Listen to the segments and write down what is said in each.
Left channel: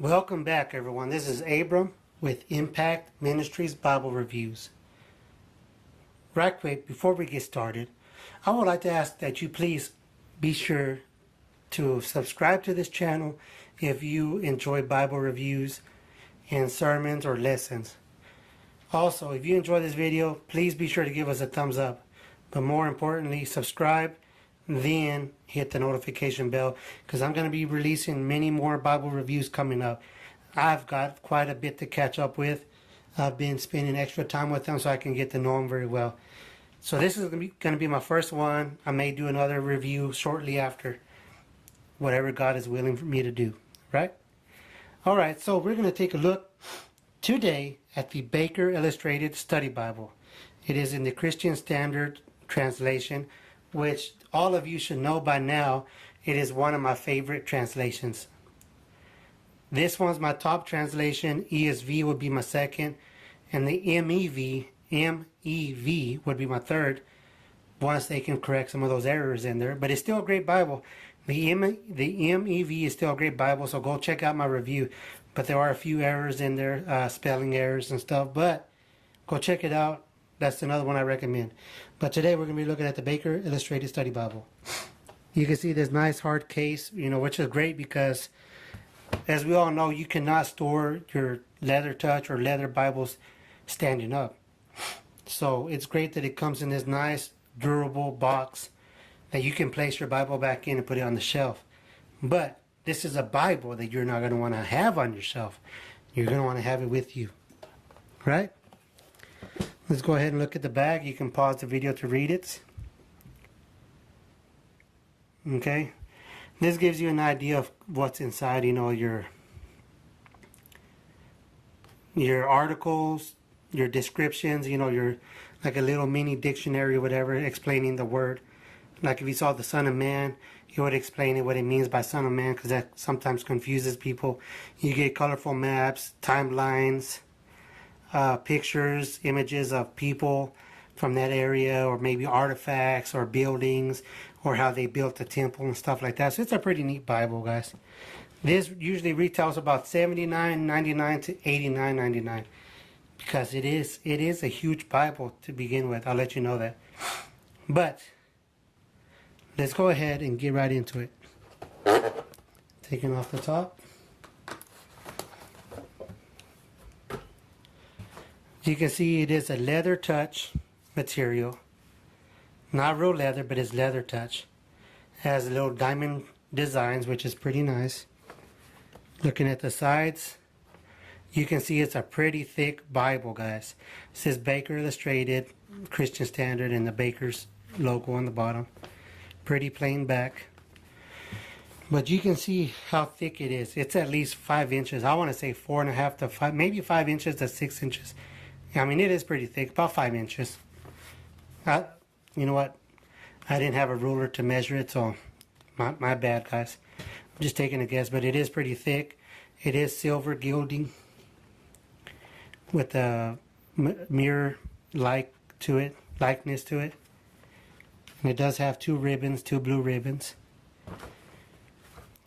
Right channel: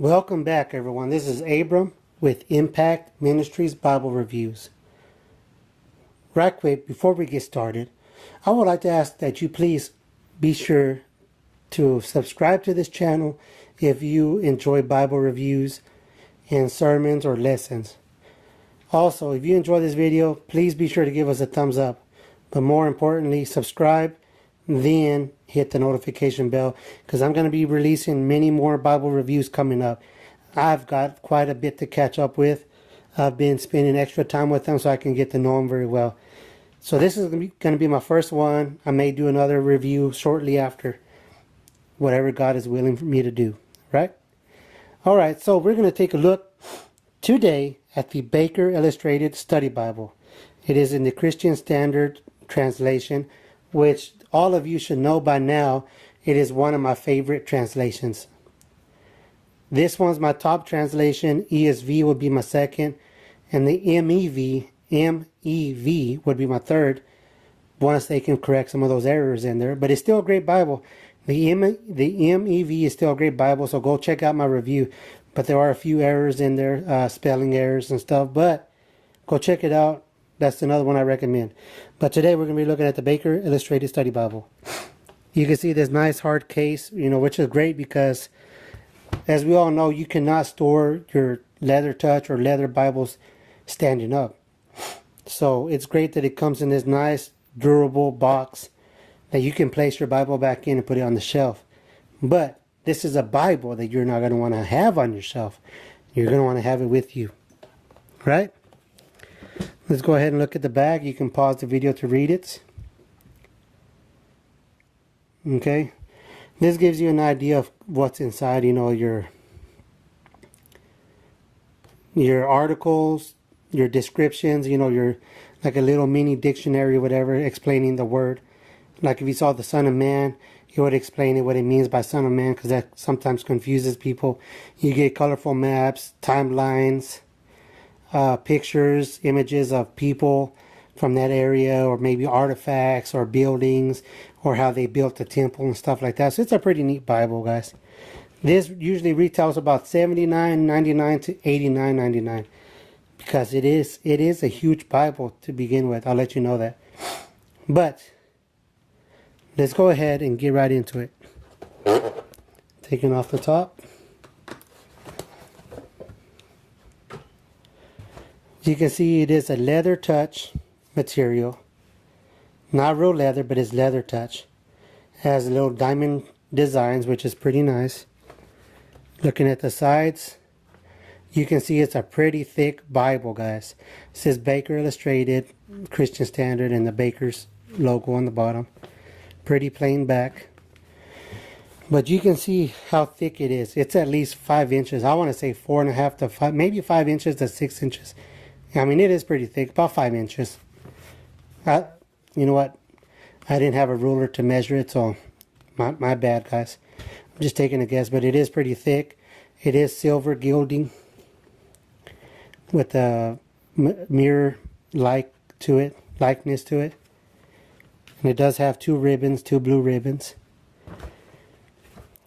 Welcome back, everyone. This is Abram with Impact Ministries Bible Reviews. Right quick, before we get started, I would like to ask that you please be sure to subscribe to this channel if you enjoy Bible reviews and sermons or lessons. Also, if you enjoy this video, please be sure to give us a thumbs up. But more importantly, subscribe, then hit the notification bell, because I'm going to be releasing many more Bible reviews coming up. I've got quite a bit to catch up with. I've been spending extra time with them so I can get to know them very well. So this is going to be my first one. I may do another review shortly after, whatever God is willing for me to do, right? All right, so we're going to take a look today at the Baker Illustrated Study Bible. It is in the Christian Standard Translation, which all of you should know by now. It is one of my favorite translations. This one's my top translation. ESV would be my second, and the MEV would be my third, once they can correct some of those errors in there. But it's still a great Bible. The MEV is still a great Bible, so go check out my review. But there are a few errors in there, spelling errors and stuff, but go check it out. That's another one I recommend. But today we're going to be looking at the Baker Illustrated Study Bible. You can see this nice hard case, which is great because, as we all know, you cannot store your leather touch or leather Bibles standing up. So it's great that it comes in this nice, durable box that you can place your Bible back in and put it on the shelf. But this is a Bible that you're not going to want to have on your shelf. You're going to want to have it with you, right? Let's go ahead and look at the bag. You can pause the video to read it. Okay. This gives you an idea of what's inside, your articles, your descriptions, your like a little mini dictionary or whatever explaining the word. Like if you saw the Son of Man, he would explain what it means by Son of Man, because that sometimes confuses people. You get colorful maps, timelines, pictures, images of people from that area, or maybe artifacts or buildings, or how they built the temple and stuff like that. So it's a pretty neat Bible, guys. This usually retails about $79.99 to $89.99 because it is a huge Bible to begin with. I'll let you know that. But let's go ahead and get right into it. Taking off the top. You can see it is a leather touch material. Not real leather, but it's leather touch. It has little diamond designs, which is pretty nice. Looking at the sides, you can see it's a pretty thick Bible, guys. It says Baker Illustrated, Christian Standard, and the Baker's logo on the bottom. Pretty plain back. But you can see how thick it is. It's at least 5 inches. I want to say 4.5 to 5, maybe 5 inches to 6 inches. I mean, it is pretty thick, about 5 inches. You know what? I didn't have a ruler to measure it, so my bad, guys. I'm just taking a guess, but it is pretty thick. It is silver gilding with a mirror-like likeness to it. And it does have two blue ribbons.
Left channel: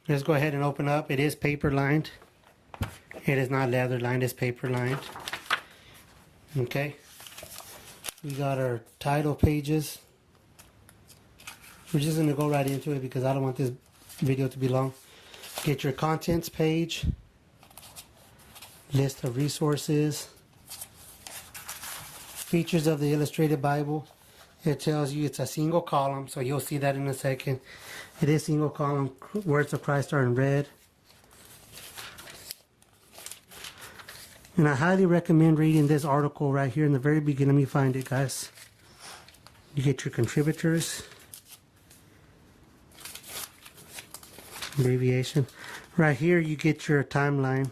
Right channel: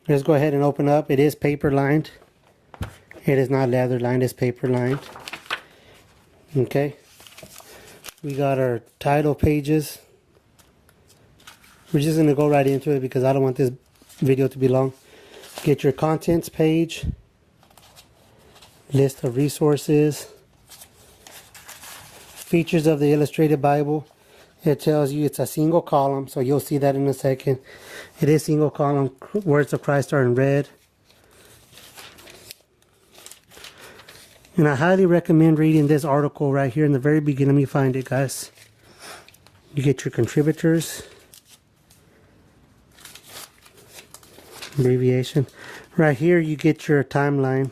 Let's go ahead and open up. It is paper lined. It is not leather lined, it's paper lined. Okay, we got our title pages. We're just going to go right into it because I don't want this video to be long. Get your contents page, list of resources, features of the Illustrated Bible. It tells you it's a single column, so you'll see that in a second. It is single column. Words of Christ are in red. And I highly recommend reading this article right here in the very beginning. Let me find it, guys. You get your contributors. Abbreviation. Right here you get your timeline.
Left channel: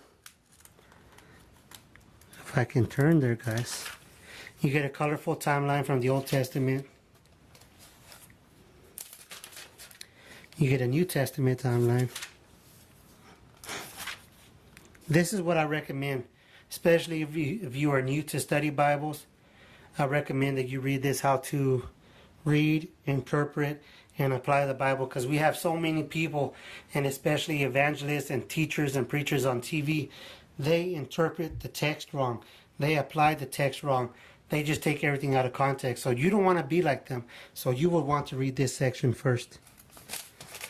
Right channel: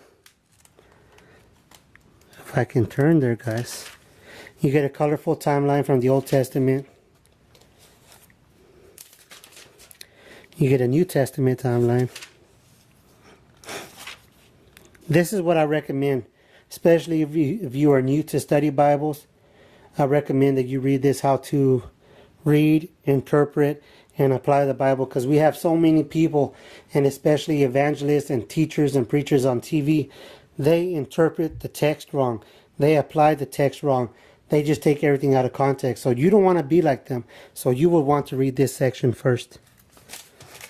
If I can turn there, guys. You get a colorful timeline from the Old Testament. You get a New Testament timeline. This is what I recommend. Especially if you are new to study Bibles, I recommend that you read this, how to read, interpret, and apply the Bible, because we have so many people, and especially evangelists and teachers and preachers on TV, they interpret the text wrong. They apply the text wrong. They just take everything out of context. So you don't want to be like them. So you would want to read this section first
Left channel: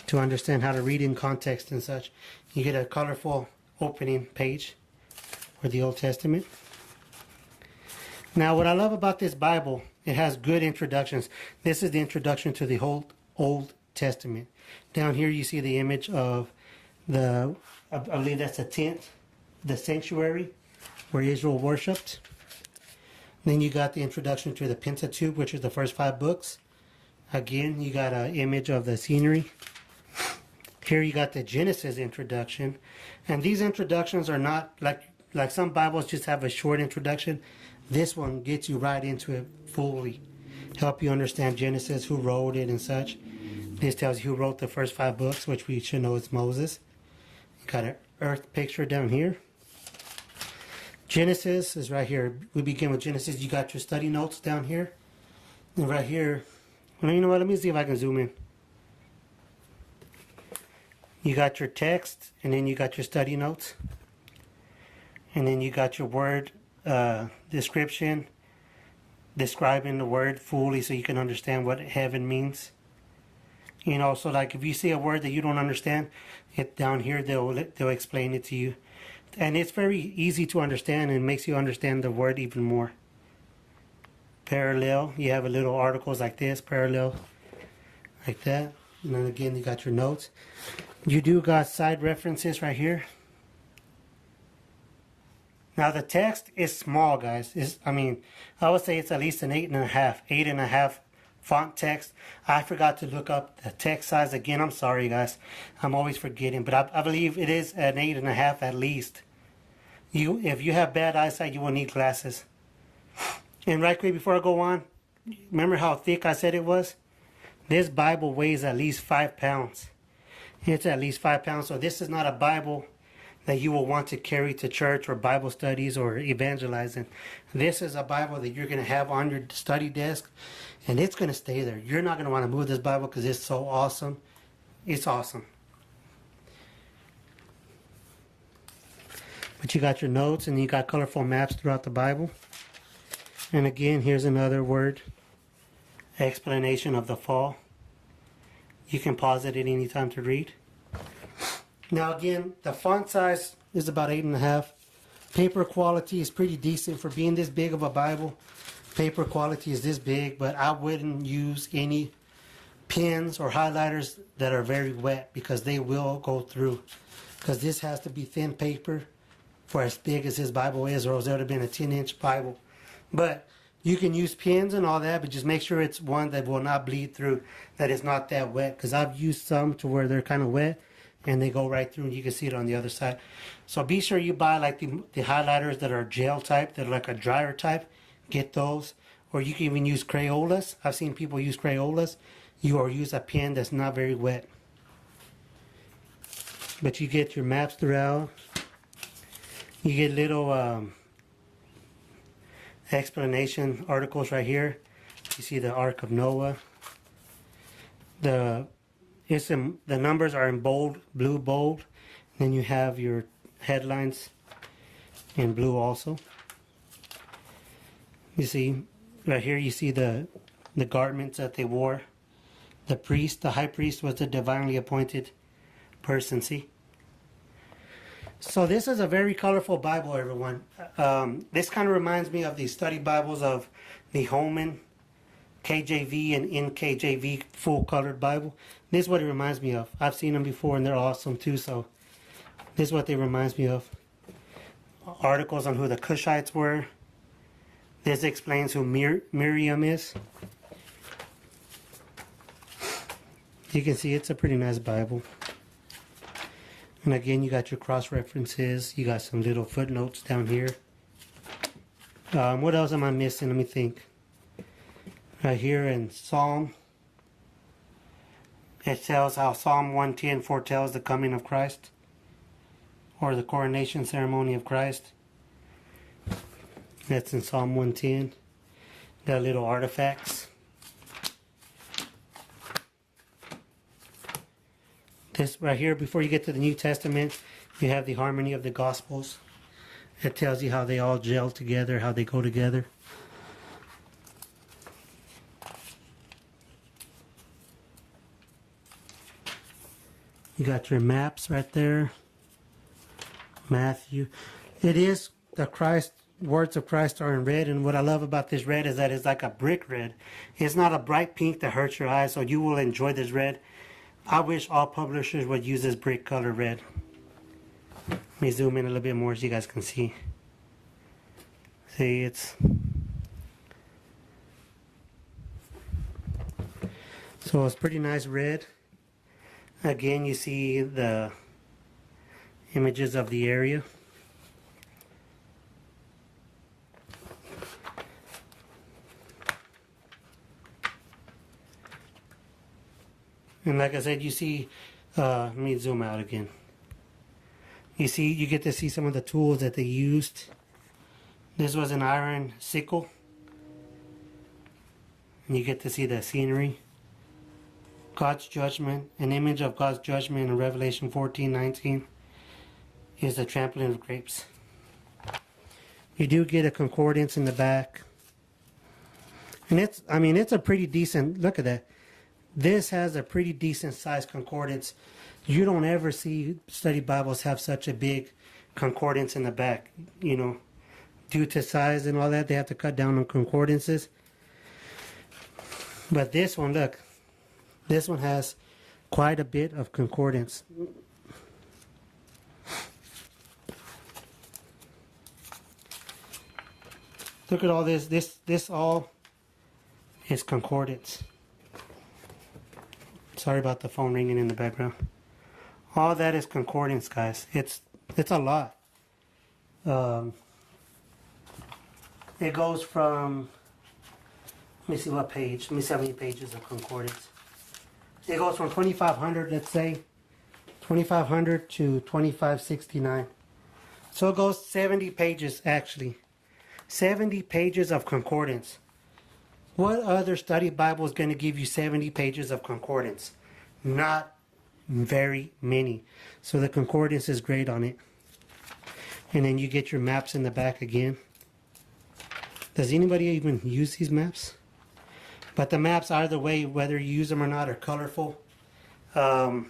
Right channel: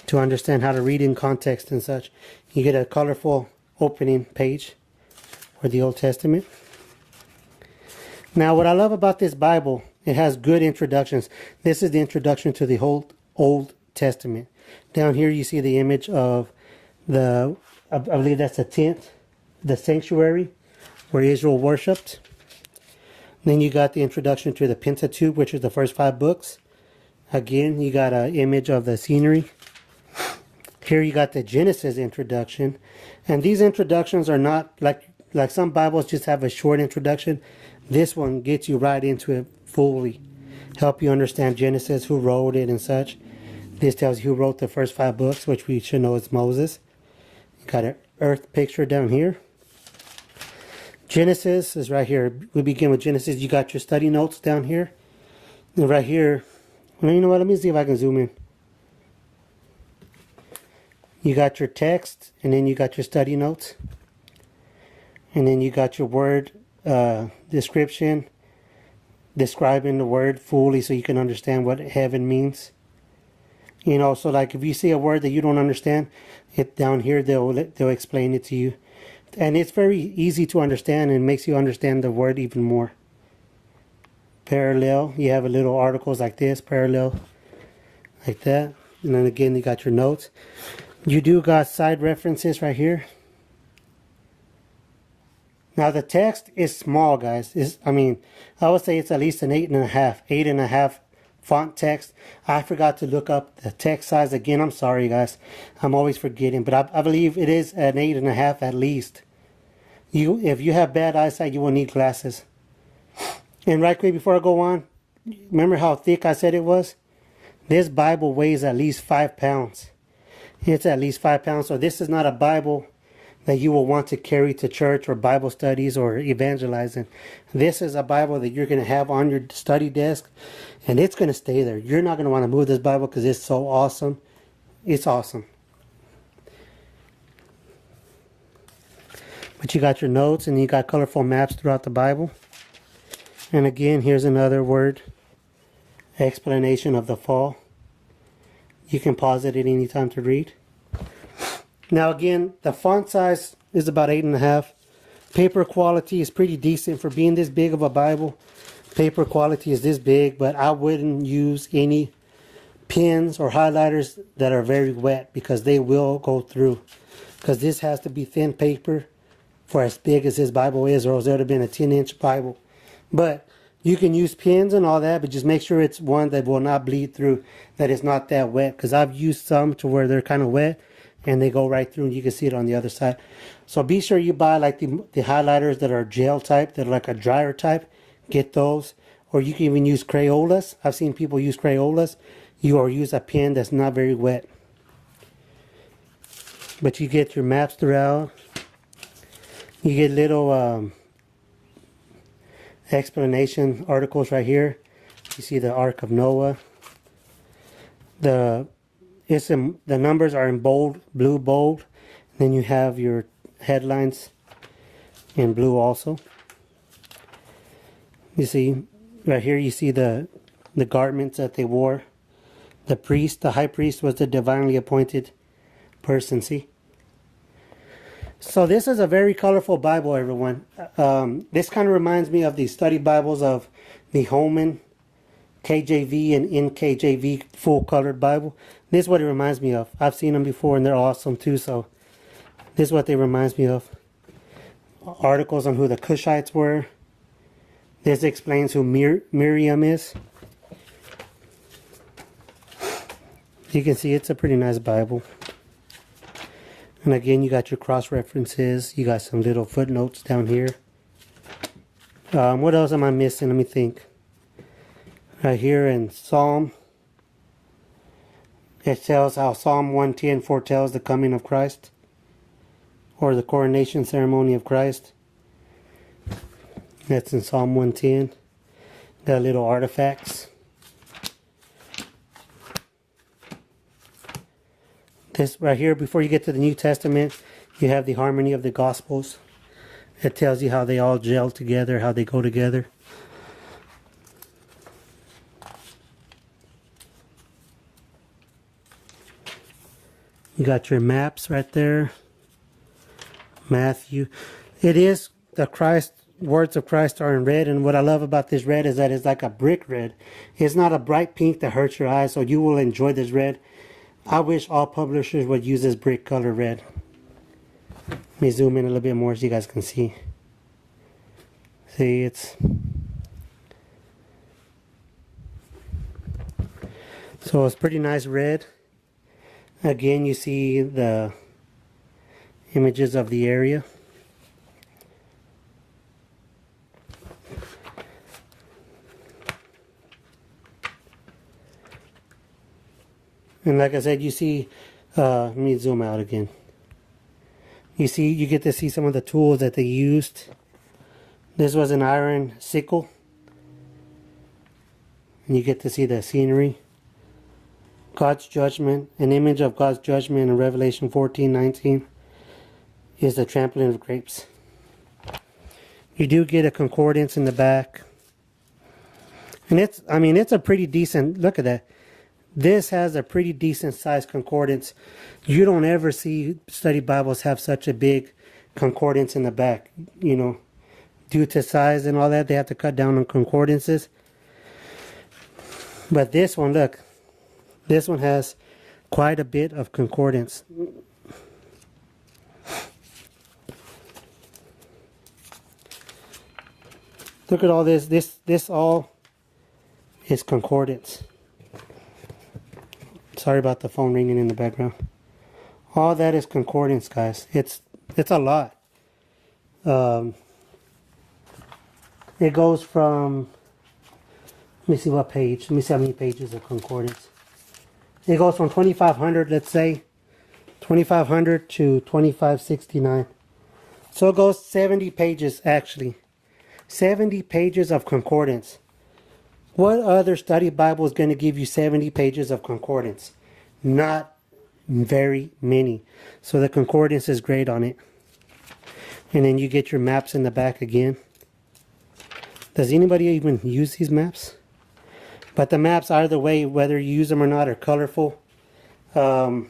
to understand how to read in context and such. You get a colorful opening page for the Old Testament. Now, what I love about this Bible, it has good introductions. This is the introduction to the whole Old Testament. Down here you see the image of I believe that's the tent, the sanctuary where Israel worshipped. Then you got the introduction to the Pentateuch, which is the first 5 books. Again, you got an image of the scenery. Here you got the Genesis introduction. And these introductions are not like some Bibles just have a short introduction. This one gets you right into it fully. Help you understand Genesis, who wrote it and such. This tells you who wrote the first 5 books, which we should know is Moses. Got an earth picture down here. Genesis is right here. We begin with Genesis. You got your study notes down here. And right here, well, you know what? Let me see if I can zoom in. You got your text, and then you got your study notes. And then you got your word description, describing the word fully so you can understand what heaven means. You know, so like if you see a word that you don't understand, it down here they'll explain it to you. And it's very easy to understand and makes you understand the word even more. Parallel, you have a little articles like this, parallel, like that. And then again, you got your notes. You do got side references right here. Now the text is small, guys. I would say it's at least an 8.5 font text. I forgot to look up the text size again. I'm sorry, guys. I'm always forgetting, but I believe it is an 8.5 at least. If you have bad eyesight, you will need glasses. And right quick before I go on, remember how thick I said it was? This Bible weighs at least 5 pounds. It's at least 5 pounds. So this is not a Bible that you will want to carry to church or Bible studies or evangelizing. This is a Bible that you're going to have on your study desk, and it's going to stay there. You're not going to want to move this Bible because it's so awesome. It's awesome. But you got your notes and you got colorful maps throughout the Bible. And again, here's another word explanation of the fall. You can pause it at any time to read. Now again, the font size is about 8.5. Paper quality is pretty decent for being this big of a Bible. Paper quality is this big, but I wouldn't use any pens or highlighters that are very wet because they will go through. Because this has to be thin paper for as big as this Bible is, or else it would have been a 10-inch Bible. But you can use pens and all that, but just make sure it's one that will not bleed through, that it's not that wet. Because I've used some to where they're kind of wet, and they go right through, and you can see it on the other side. So be sure you buy like the highlighters that are gel type, that are like a dryer type. Get those. Or you can even use Crayolas. I've seen people use Crayolas. Or use a pen that's not very wet. But you get your maps throughout. You get little explanation articles right here. You see the Ark of Noah. The numbers are in bold, blue bold. Then you have your headlines in blue also. You see, right here you see the garments that they wore. The priest, the high priest, was the divinely appointed person, see? So this is a very colorful Bible, everyone. This kind of reminds me of the study Bibles of the Holman, KJV, and NKJV full-colored Bible. This is what it reminds me of. I've seen them before, and they're awesome, too. So this is what they reminds me of. Articles on who the Cushites were. This explains who Miriam is. You can see it's a pretty nice Bible. And again, you got your cross references. You got some little footnotes down here. What else am I missing? Let me think. Right here in Psalm, it tells how Psalm 110 foretells the coming of Christ, or the coronation ceremony of Christ. That's in Psalm 110. The little artifacts. This right here, before you get to the New Testament, you have the harmony of the Gospels. It tells you how they all gel together, how they go together. You got your maps right there. Matthew. It is the Christ, words of Christ are in red, and what I love about this red is that it's like a brick red. It's not a bright pink that hurts your eyes, so you will enjoy this red. I wish all publishers would use this brick color red. Let me zoom in a little bit more so you guys can see. See, so it's pretty nice red. Again, you see the images of the area. And like I said, you see, let me zoom out again. You get to see some of the tools that they used. This was an iron sickle. And you get to see the scenery. God's judgment, an image of God's judgment in Revelation 14:19 is the trampling of grapes. You do get a concordance in the back. And it's a pretty decent, look at that. This has a pretty decent sized concordance. You don't ever see study Bibles have such a big concordance in the back. You know, due to size and all that, they have to cut down on concordances. But this one, look. This one has quite a bit of concordance. Look at all this. This all is concordance. Sorry about the phone ringing in the background. All that is concordance, guys. It's a lot. It goes from, let me see what page. Let me see how many pages of concordance. It goes from 2500, let's say, 2500 to 2569. So it goes 70 pages, actually. 70 pages of concordance. What other study Bible is going to give you 70 pages of concordance? Not very many. So the concordance is great on it. And then you get your maps in the back again. Does anybody even use these maps? But the maps, either way, whether you use them or not, are colorful. So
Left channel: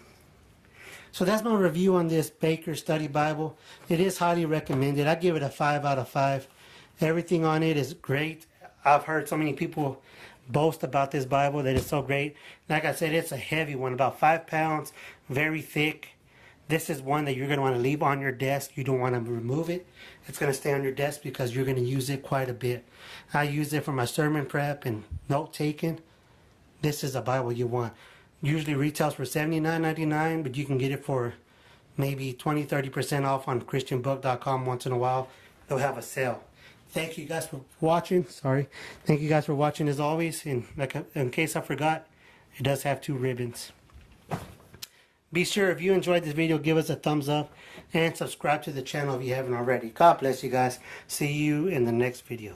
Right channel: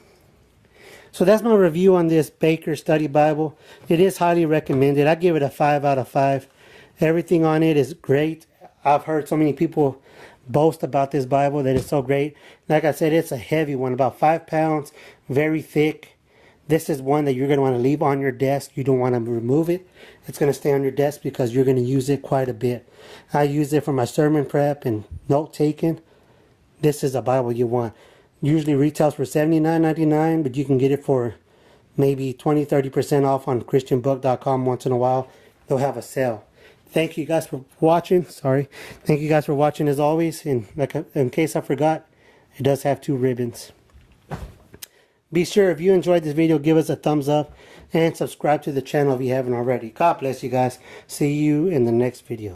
that's my review on this Baker Study Bible. It is highly recommended. I give it a 5 out of 5. Everything on it is great. I've heard so many people boast about this Bible that it's so great. Like I said, it's a heavy one, about 5 pounds, very thick. This is one that you're going to want to leave on your desk. You don't want to remove it. It's going to stay on your desk because you're going to use it quite a bit. I use it for my sermon prep and note taking. This is a Bible you want. Usually retails for $79.99, but you can get it for maybe 20-30% off on christianbook.com once in a while. They'll have a sale. Thank you guys for watching. Sorry. Thank you guys for watching as always. And in case I forgot, it does have 2 ribbons. Be sure, if you enjoyed this video, give us a thumbs up and subscribe to the channel if you haven't already. God bless you guys. See you in the next video.